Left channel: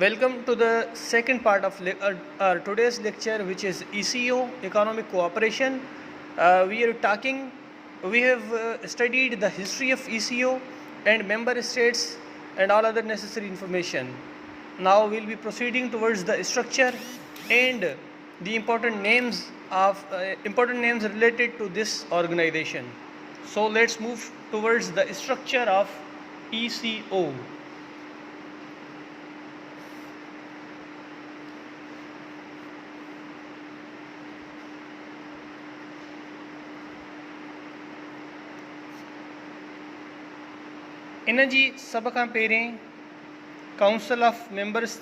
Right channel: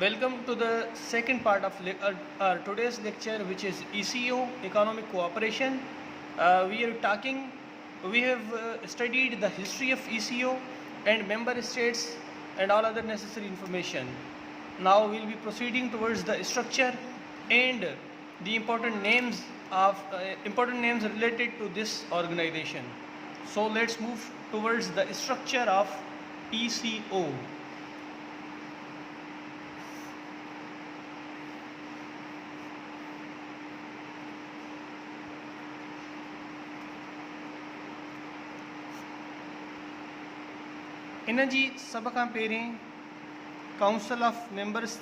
Welcome to the second part of our today's lecture, which is ECO, Economic Cooperation. We have studied the history of ECO and member states and all other necessary information. Now we'll be proceeding towards the structure and the important names related to this organization. So let's move towards the structure of ECO. इन जी सब खां पहिरें council of members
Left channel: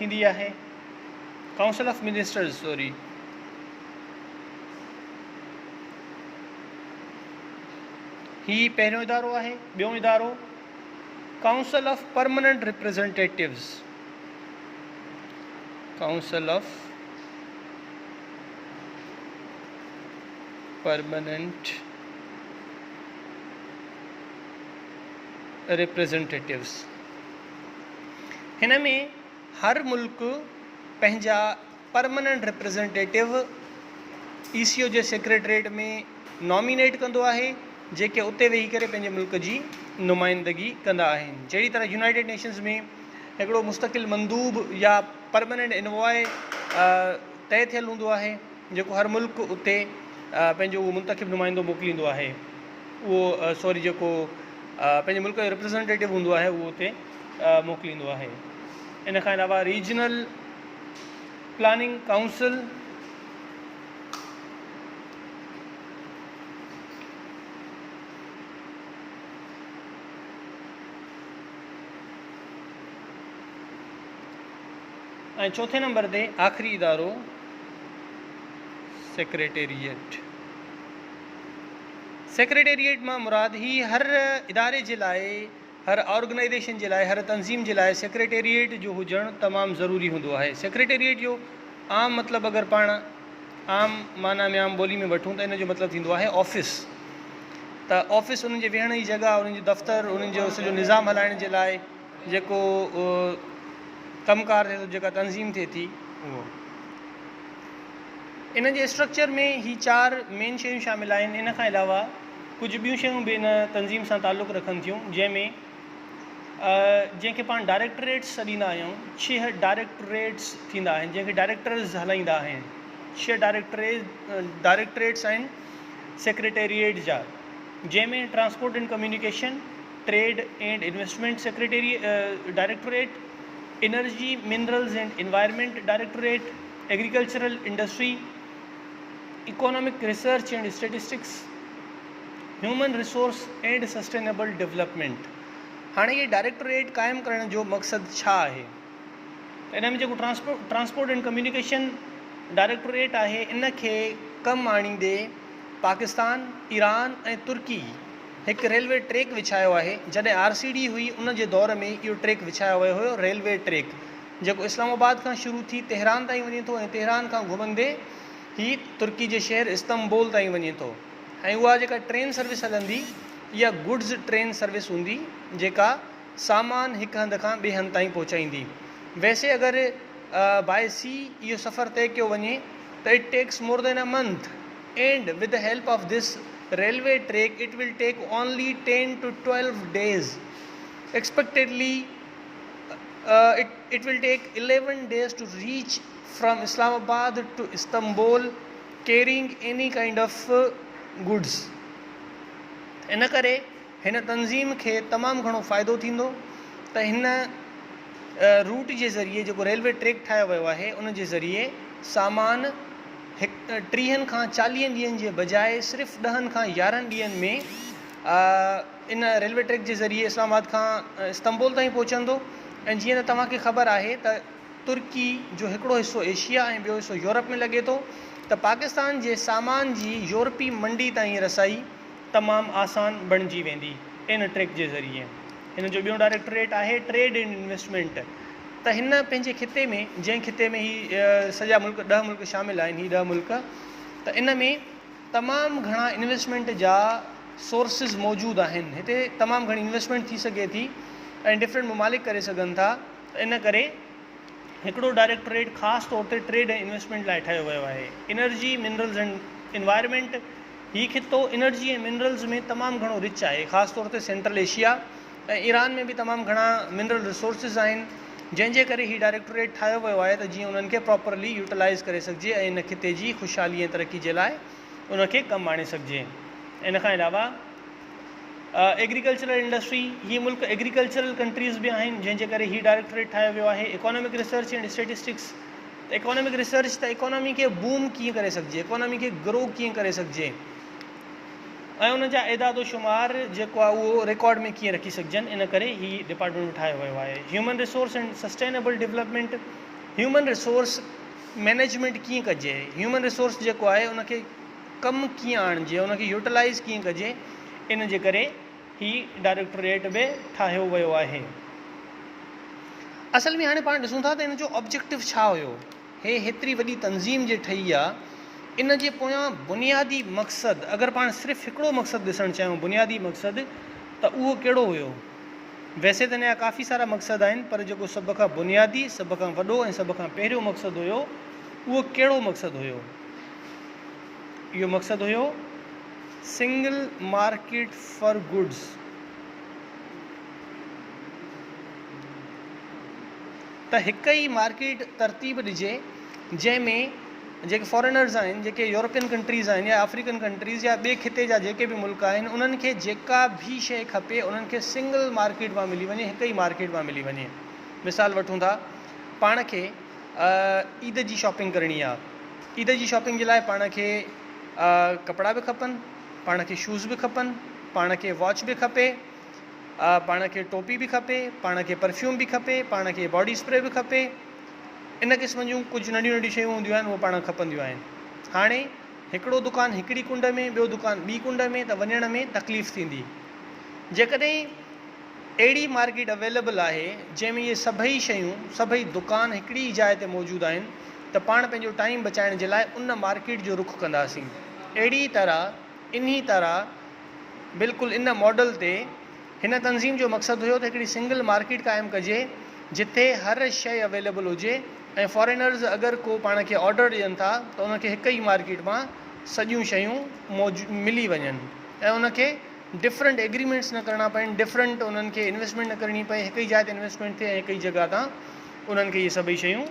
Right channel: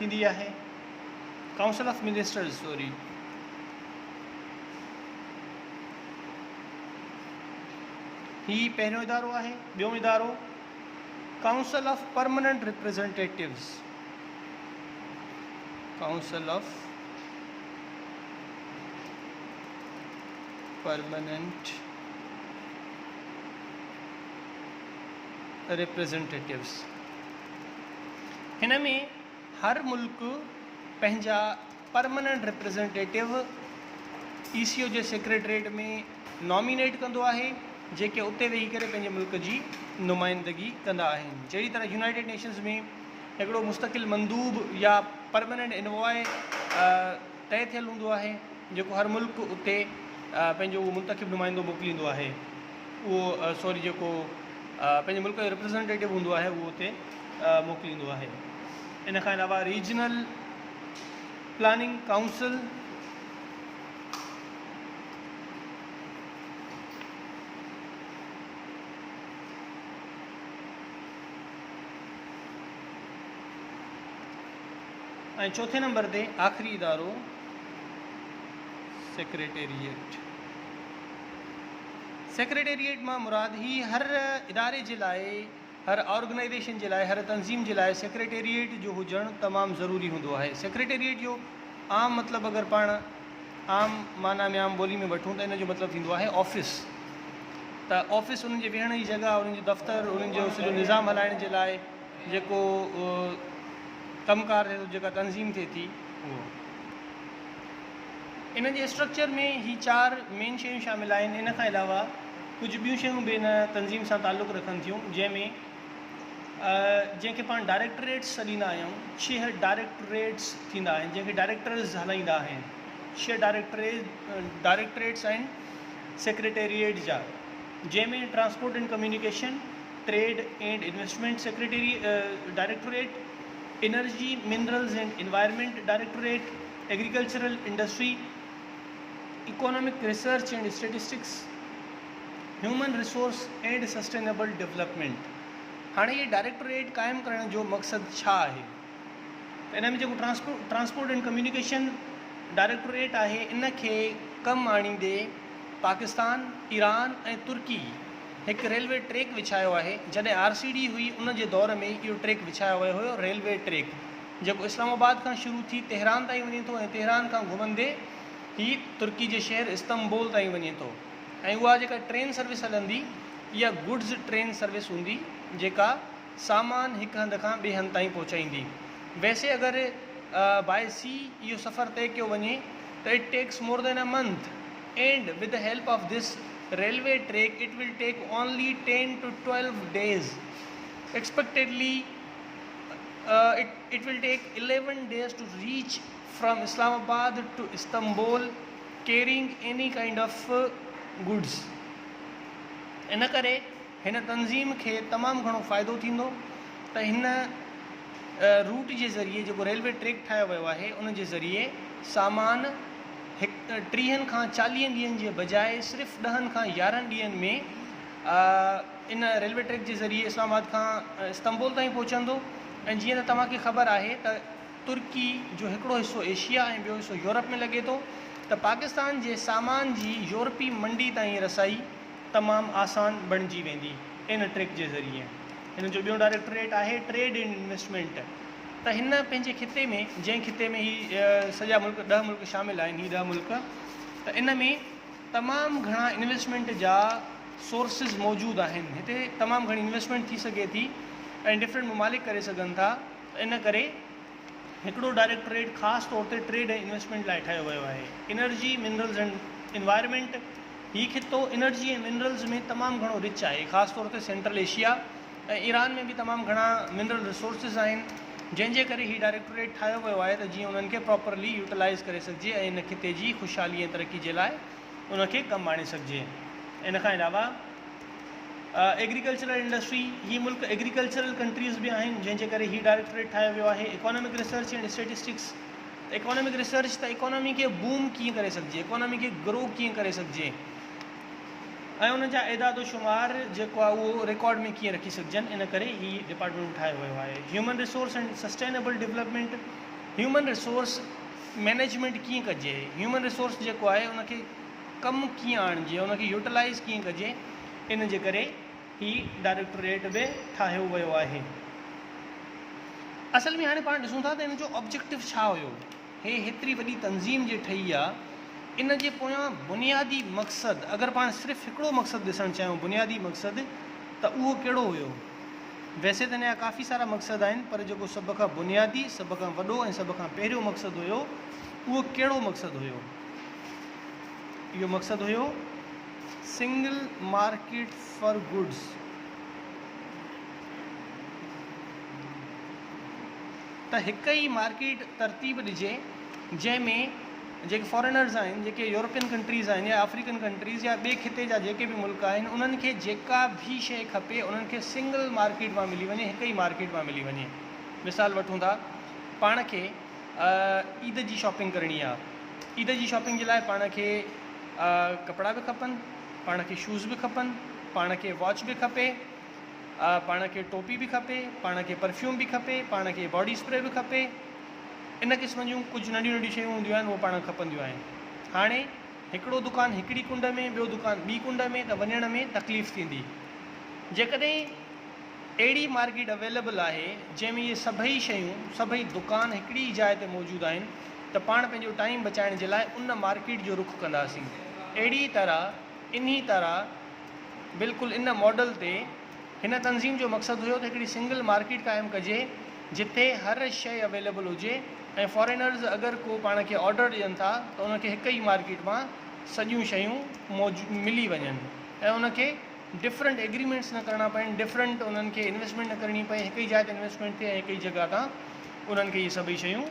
थींदी आहे, council of ministers sorry. ही पहिरियों इदारो आहे। ॿियों इदारो council of permanent representatives, council of permanent representatives. हिन में हर मुल्क पंहिंजा परमानेंट रिप्रेजेंटेटिव ECO जे सेक्रेटरीट में नॉमिनेट कंदो आहे, जेके उते वेही करे पंहिंजे मुल्क जी नुमाइंदगी कंदा आहिनि। जहिड़ी तरह यूनाइटेड नेशंस में हिकिड़ो मुस्तक़िल मंदूब या परमानेंट इनवॉय तय थियल हूंदो आहे, जेको हर मुल्क उते पंहिंजो उहो मुंतखिब नुमाइंदो मोकिलींदो आहे। उहो सॉरी जेको पंहिंजे मुल्क जो रिप्रेजेंटेटिव हूंदो आहे उहो उते मोकिलींदो आहे। इन खां अलावा रीजनल प्लानिंग काउंसिल, ऐं चौथे नंबर ते आख़िरी इदारो सेक्रेटेरिएट। सेक्रेटेरिएट मां मुराद ही हर इदारे जे लाइ, हर ऑर्गेनाइजेशन जे लाइ, हर तंज़ीम जे लाइ सेक्रेटेरिएट जो हुजणु तमामु ज़रूरी हूंदो आहे। सेक्रेटेरिएट जो आम मतिलबु अगरि पाण आम माना में आम ॿोली में वठूं त इन जो मतिलबु थींदो आहे ऑफिस। त ऑफिस उन्हनि जे वेहण जी जॻह, उन्हनि जो दफ़्तरु, उन्हनि जो सॼो निज़ाम हलाइण जे लाइ जेको कमकार थिए थो, जेका तंज़ीम थिए थी, उहो। इन जे स्ट्रक्चर में ही 4 मेन शयूं शामिल आहिनि। इन खां अलावा कुझु ॿियूं शयूं बि इन तंज़ीम सां तालुक़ु रखनि थियूं, जंहिंखे पाण डायरेक्टरेट्स सॾींदा आहियूं। 6 डायरेक्टरेट्स थींदा आहिनि, जंहिंखे डायरेक्टर्स हलाईंदा आहिनि। 6 डायरेक्टरेट्स आहिनि सेक्रेटेरिएट जा, जंहिंमें transport and communication, trade and investment directorate, energy minerals and environment directorate, agricultural industry, economic research and statistics, human resource and sustainable development. हाणे ये डायरेक्टोरेट क़ाइमु करण जो मक़सदु छा आहे? इन में जेको ट्रांसपोर्ट एंड कम्युनिकेशन डायरेक्टोरेट आहे, इन खे कमु आणींदे पाकिस्तान, ईरान ऐं तुर्की हिकु रेलवे ट्रैक विछायो आहे। जॾहिं RCD हुई उन जे दौर में इहो ट्रैक विछायो वियो हुयो, रेलवे ट्रैक, जेको इस्लामाबाद खां शुरू थी तेहरान ताईं वञे थो ऐं तेहरान खां घुमंदे ही तुर्की जे शहर इस्तंबुल ताईं वञे थो। ऐं उहा जेका ट्रेन सर्विस हलंदी, इहा गुड्स ट्रेन सर्विस हूंदी, जेका सामान हिकु हंधि खां ॿिए हंधि ताईं पहुचाईंदी। वैसे अगरि बाय सी इहो सफ़र तय कयो वञे त it takes more than a month, and with the help of this railway track it will take only 10 to 12 days. Expectedly it will take 11 days to reach from Islamabad to Istanbul carrying any kind of goods. इन करे हिन तंज़ीम खे तमामु घणो फ़ाइदो थींदो त हिन रूट जे ज़रिए, जेको रेलवे ट्रैक ठाहियो वियो आहे, उन जे ज़रिए सामान 30 खां 40 ॾींहंनि जे बजाय सिर्फ़ु 10 खां 11 ॾींहंनि में इन रेलवे ट्रैक जे ज़रिए इस्लामाबाद खां इस्तंबुल ताईं पहुचंदो। ऐं जीअं त तव्हांखे ख़बर आहे त तुर्की जो हिकिड़ो हिसो एशिया ऐं ॿियो हिसो यूरोप में लॻे थो, त पाकिस्तान जे सामान जी यूरोपी मंडी ताईं रसाई तमामु आसान बणिजी वेंदी इन ट्रैक जे ज़रिए। हिन जो ॿियों डायरेक्टोरेट आहे ट्रेड एंड इन्वेस्टमेंट। त हिन पंहिंजे खिते में, जंहिं खिते में ही सॼा मुल्क 10 मुल्क शामिल आहिनि, ही 10 मुल्क, त इन में तमामु घणा इन्वेस्टमेंट जा सोर्सिस मौजूदु आहिनि। हिते तमामु घणी इन्वेस्टमेंट थी सघे थी ऐं डिफरेंट ममालिक करे सघनि था। इन करे हिकिड़ो डायरेक्टोरेट ख़ासि तौर ते ट्रेड ऐं इन्वेस्टमेंट लाइ ठाहियो वियो आहे। एनर्जी, मिनरल्स एंड इन्वायरमेंट, हीउ खितो एनर्जी ऐं मिनरल्स में तमामु घणो रिच आहे, ख़ासि तौर ते सेंट्रल एशिया ऐं ईरान में बि तमामु घणा मिनरल रिसोर्सिस आहिनि, जंहिंजे करे हीउ डायरेक्टोरेट ठाहियो वियो आहे त जीअं उन्हनि खे प्रॉपरली यूटिलाइज़ करे सघिजे ऐं इन खिते जी ख़ुशहाली ऐं तरक़ी जे लाइ उनखे कमु आणे सघिजे। इन खां अलावा एग्रीकल्चरल इंडस्ट्री, हीअ मुल्क एग्रीकल्चरल कंट्रीज़ बि आहिनि, जंहिंजे करे हीउ डायरेक्टोरेट ठाहियो वियो आहे। Economic research and statistics, economic research त इकोनॉमी खे बूम कीअं करे सघिजे, इकोनॉमी खे ग्रो कीअं करे सघिजे ऐं उन जा इदादो शुमार जेको आहे उहो रिकॉर्ड में कीअं रखी सघिजनि, इन करे हीउ डिपार्टमेंट ठाहियो वियो आहे। Human resource and sustainable development, human resource management कीअं कजे, ह्यूमन रिसोर्स जेको आहे उनखे कमु कीअं आणिजे, उनखे यूटिलाइज़ कीअं कजे, इन जे करे हीउ डायरेक्टोरेट बि ठाहियो वियो आहे। असल में हाणे पाण ॾिसूं था त इन जो ऑब्जेक्टिव छा हुयो। हे हेतिरी वॾी तंज़ीम जे ठही आहे, इन जे पोयां बुनियादी मक़सदु, अगरि पाण सिर्फ़ु हिकिड़ो मक़सदु ॾिसणु चाहियूं बुनियादी मक़सदु, त उहो कहिड़ो हुयो। वैसे त इन जा काफ़ी सारा मक़सदु आहिनि, पर जेको सभ खां बुनियादी, सभ खां वॾो ऐं सभ खां पहिरियों मक़सदु हुयो, उहो कहिड़ो मक़सदु हुयो। इहो मक़सदु हुयो सिंगल मार्केट फॉर गुड्स। त हिक ई मार्केट तरतीब ॾिजे जंहिंमें जेके फॉरेनर्स आहिनि, जेके यूरोपियन कंट्रीज़ आहिनि या अफ्रीकन कंट्रीज़ या ॿिए खिते जा जेके बि मुल्क आहिनि, उन्हनि खे जेका बि शइ खपे उन्हनि खे सिंगल मार्केट मां मिली वञे, हिक ई मार्केट मां मिली वञे। मिसाल वठूं था, पाण खे ईद जी शॉपिंग करणी आहे, ईद जी शॉपिंग जे लाइ पाण खे कपिड़ा बि खपनि, पाण खे शूज़ बि खपनि, पाण खे वॉच बि खपे, पाण खे टोपी बि खपे, पाण खे परफ्यूम बि खपे, पाण खे बॉडी स्प्रे बि खपे। इन क़िस्म जूं कुझु नंढियूं नंढियूं शयूं हूंदियूं आहिनि, उहे पाण खपंदियूं आहिनि। हाणे हिकिड़ो दुकानु हिकिड़ी कुंड में, ॿियो दुकानु ॿी कुंड में, त वञण में तकलीफ़ थींदी। जेकॾहिं अहिड़ी मार्केट अवेलेबल आहे जंहिंमें इहे सभई शयूं, सभई दुकान हिकिड़ी जाइ ते मौजूदु आहिनि, त पाण पंहिंजो टाइम बचाइण जे लाइ उन मार्केट जो रुख़ कंदासीं। अहिड़ी तरह इन्ही तरह बिल्कुलु इन मॉडल ते हिन तंज़ीम जो मक़सदु हुयो त हिकिड़ी सिंगल मार्केट क़ाइमु कजे जिथे हर शइ अवेलेबल हुजे ऐं फॉरेनर्स अगरि को पाण खे ऑडर ॾियनि था त उनखे हिक ई मार्केट मां सॼियूं शयूं मिली वञनि ऐं उनखे डिफरेंट एग्रीमेंट्स न करणा पवनि, डिफरेंट उन्हनि खे इन्वेस्टमेंट न करणी पए, हिक ई जाइ ते इन्वेस्टमेंट थिए ऐं हिक ई जॻह तां उन्हनि खे इहे सभई शयूं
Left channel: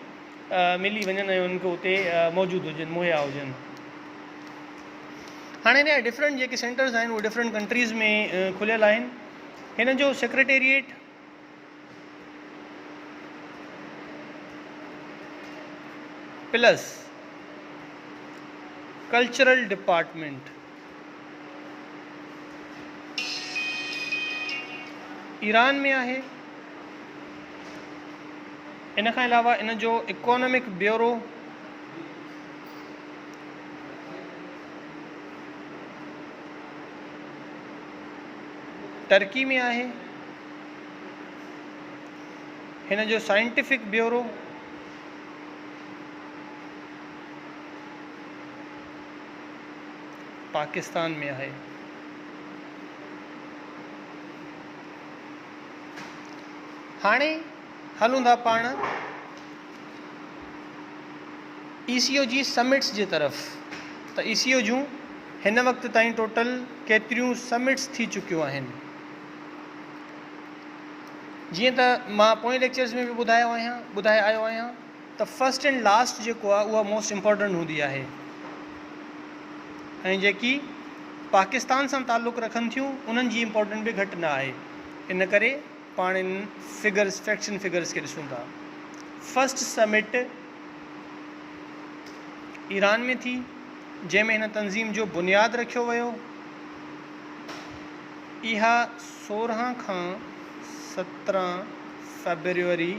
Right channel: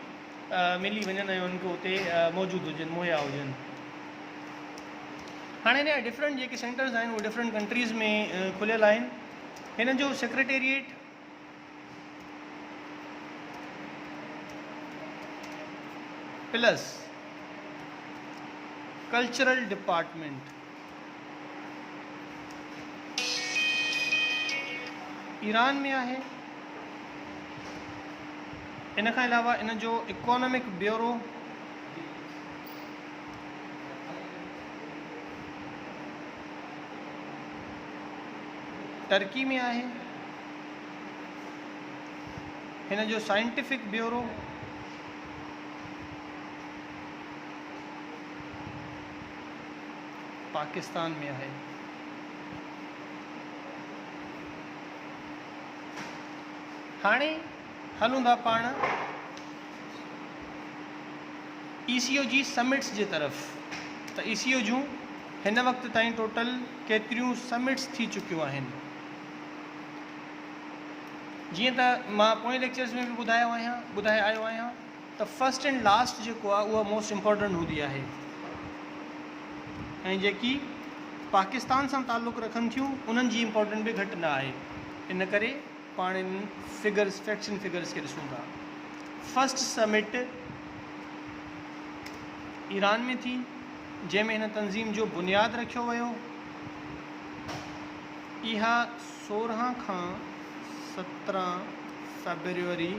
मिली वञनि ऐं उन्हनि खे उते मौजूदु हुजनि, मुहैया हुजनि। हाणे हिन जा डिफरेंट जेके सेंटर्स आहिनि उहे डिफरेंट कंट्रीज़ में खुलियल आहिनि। हिन जो secretariat plus cultural department Iran में आहे। इन खां अलावा इन जो इकोनॉमिक ब्यूरो टर्की में आहे। हिन जो साइंटिफिक ब्यूरो पाकिस्तान में आहे। हाणे हलूं था पाण ECO जी समिट्स जे तरफ़। त ECO जूं हिन वक़्त ताईं टोटल केतिरियूं समिट्स थी चुकियूं आहिनि। जीअं त मां पोएं लेक्चर्स में बि ॿुधाए आयो आहियां त फर्स्ट एंड लास्ट जेको आहे उहा मोस्ट इम्पॉर्टेंट हूंदी आहे ऐं जेकी पाकिस्तान सां ताल्लुक़ु रखनि थियूं उन्हनि जी इम्पोर्टेंट बि घटि न आहे। इन करे पाण इन फिगर्स, फैक्ट्स एंड फिगर्स खे ॾिसूं था। फर्स्ट समिट ईरान में थी जंहिंमें हिन तंज़ीम जो बुनियादु रखियो वियो। इहा 16 खां 17 फेब्रुअरी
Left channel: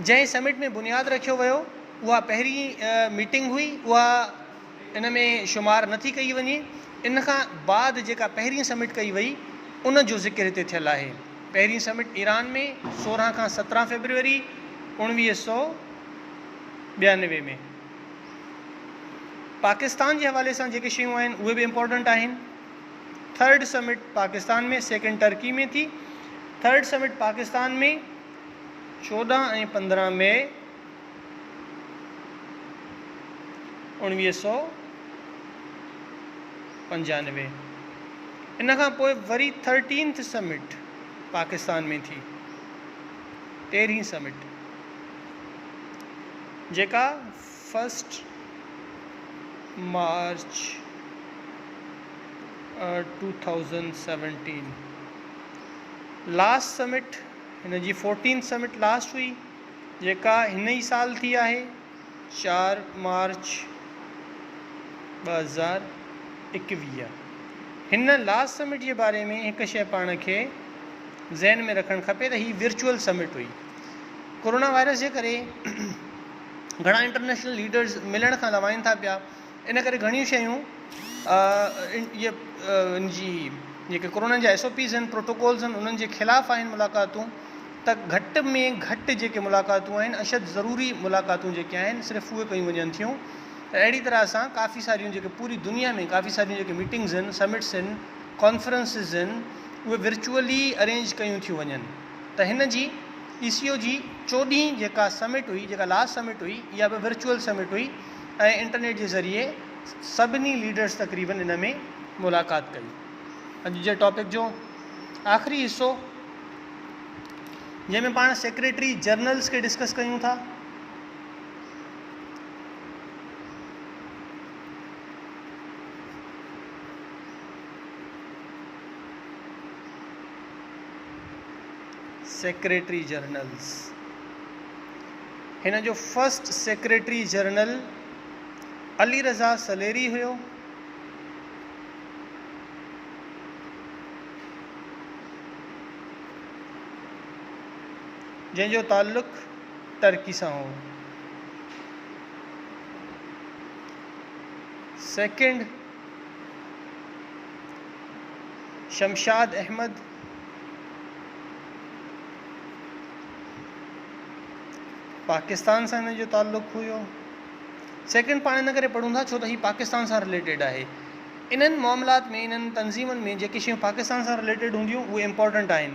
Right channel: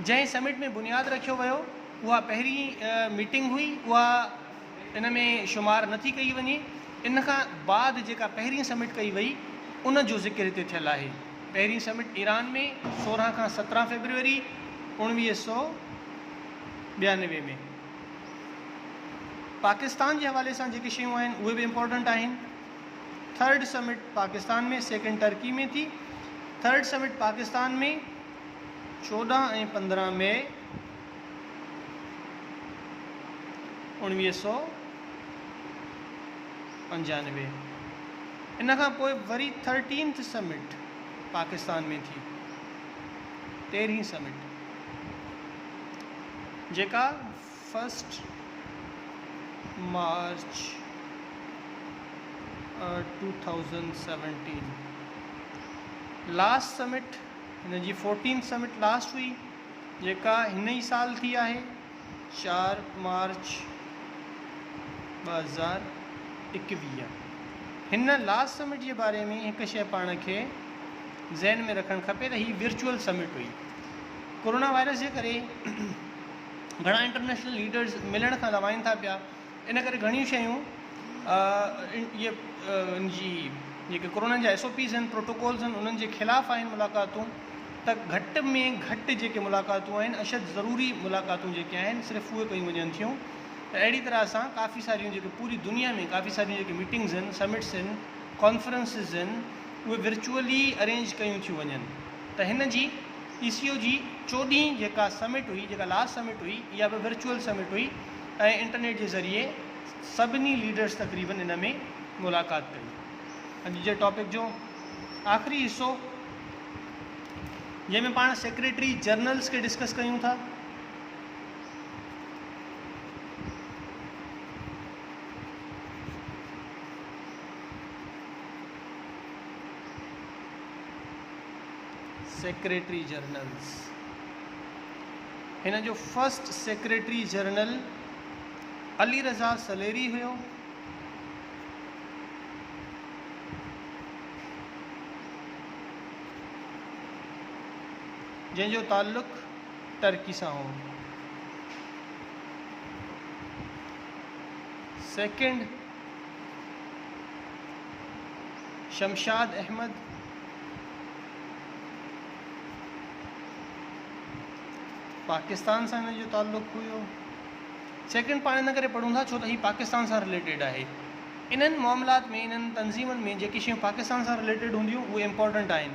जंहिं समिट में बुनियादु रखियो वियो उहा पहिरीं मीटिंग हुई, उहा इन में शुमार नथी कई वञे। इन खां बाद जेका पहिरीं समिट कई वई उन जो ज़िक्र हिते थियलु आहे। पहिरीं समिट ईरान में 16 खां 17 फेब्रुअरी 1992 में। पाकिस्तान जे हवाले सां जेके शयूं आहिनि उहे बि इम्पोर्टेंट आहिनि। थर्ड समिट पाकिस्तान में, सेकेंड टर्की में थी। थर्ड समिट पाकिस्तान में 14 ऐं 15 मई 1995। इन खां पोइ वरी 13th समिट पाकिस्तान में थी, 13वीं समिट, जेका 1 मार्च 2017। लास्ट समिट हिन जी 14th समिट लास्ट हुई, जेका हिन ई साल थी आहे, 4 मार्च 2021। हिन लास्ट समिट जे बारे में हिकु शइ पाण खे ज़हन में रखणु खपे त हीअ विर्चुअल समिट हुई। कोरोना वायरस जे करे घणा इंटरनेशनल लीडर्स मिलण खां लवाइनि था पिया, इन करे घणियूं शयूं जी जेके कोरोना जा SOPs आहिनि, प्रोटोकॉल्स आहिनि, उन्हनि जे ख़िलाफ़ु आहिनि मुलाक़ातूं, त घटि में घटि जेके मुलाक़ातूं आहिनि, अशद ज़रूरी मुलाक़ातूं जेके आहिनि, सिर्फ़ु उहे कयूं वञनि थियूं। त अहिड़ी तरह सां काफ़ी सारियूं जेके पूरी दुनिया में काफ़ी सारियूं जेके मीटिंग्स आहिनि, समिट्स आहिनि, कॉन्फ्रेंसिस आहिनि, उहे विर्चुअली अरेंज कयूं थियूं वञनि। त हिन जी PCO जी 14वीं जेका समिट हुई, जेका लास्ट समिट हुई, इहा बि विर्चुअल समिट हुई ऐं इंटरनेट जे ज़रिए सभिनी लीडर्स तक़रीबन इन में मुलाक़ात कई। अॼु जे टॉपिक जो आख़िरी हिसो, जंहिंमें पाण सेक्रेटरी जनरल्स खे डिस्कस कयूं था। सेक्रेटरी जनरल्स, हिन जो first secretary general Ali Raza सलेरी हुयो, जंहिंजो ताल्लुक़ टर्की सां हो। सेकेंड, शमशाद अहमद, पाकिस्तान सां हिन जो ताल्लुक़ हुयो। सेकेंड पाण इन करे पढ़ूं था छो त हीउ पाकिस्तान सां रिलेटेड आहे। इन्हनि मामलात में, इन्हनि तंज़ीमनि में जेके शयूं पाकिस्तान सां रिलेटेड हूंदियूं उहे इम्पॉर्टेंट आहिनि,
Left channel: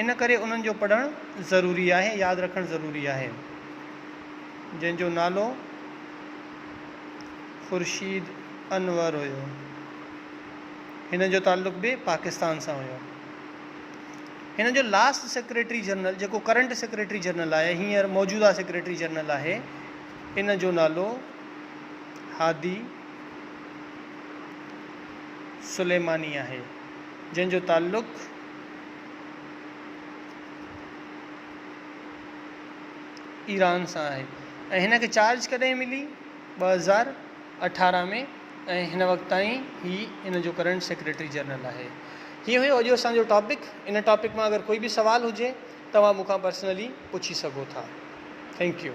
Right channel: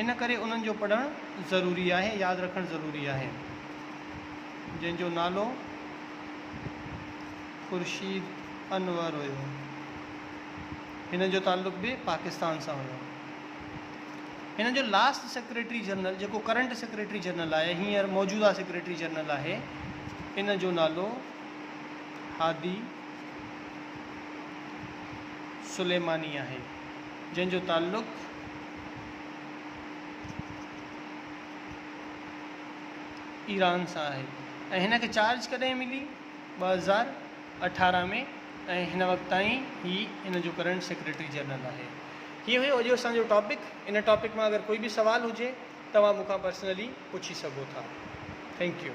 इन करे उन्हनि जो पढ़णु ज़रूरी आहे, यादि रखणु ज़रूरी आहे। जंहिंजो नालो ख़ुर्शीद अनवर हुयो, हिन जो ताल्लुक़ बि पाकिस्तान सां हुयो। हिन जो लास्ट सेक्रेटरी जनरल, जेको करंट सेक्रेटरी जनरल आहे, हींअर मौजूदा सेक्रेटरी जनरल आहे, इन जो नालो हादी सुलेमानी आहे, जंहिंजो ताल्लुक़ ईरान सां आहे। ऐं हिन खे चार्ज कॾहिं मिली? 2018 में, ऐं हिन वक़्त ताईं ही हिन जो करंट सेक्रेटरी जनरल आहे। हीअ हुयो अॼु असांजो टॉपिक। इन टॉपिक मां अगरि कोई बि सवाल हुजे तव्हां मूंखां पर्सनली पुछी सघो था। Thank you.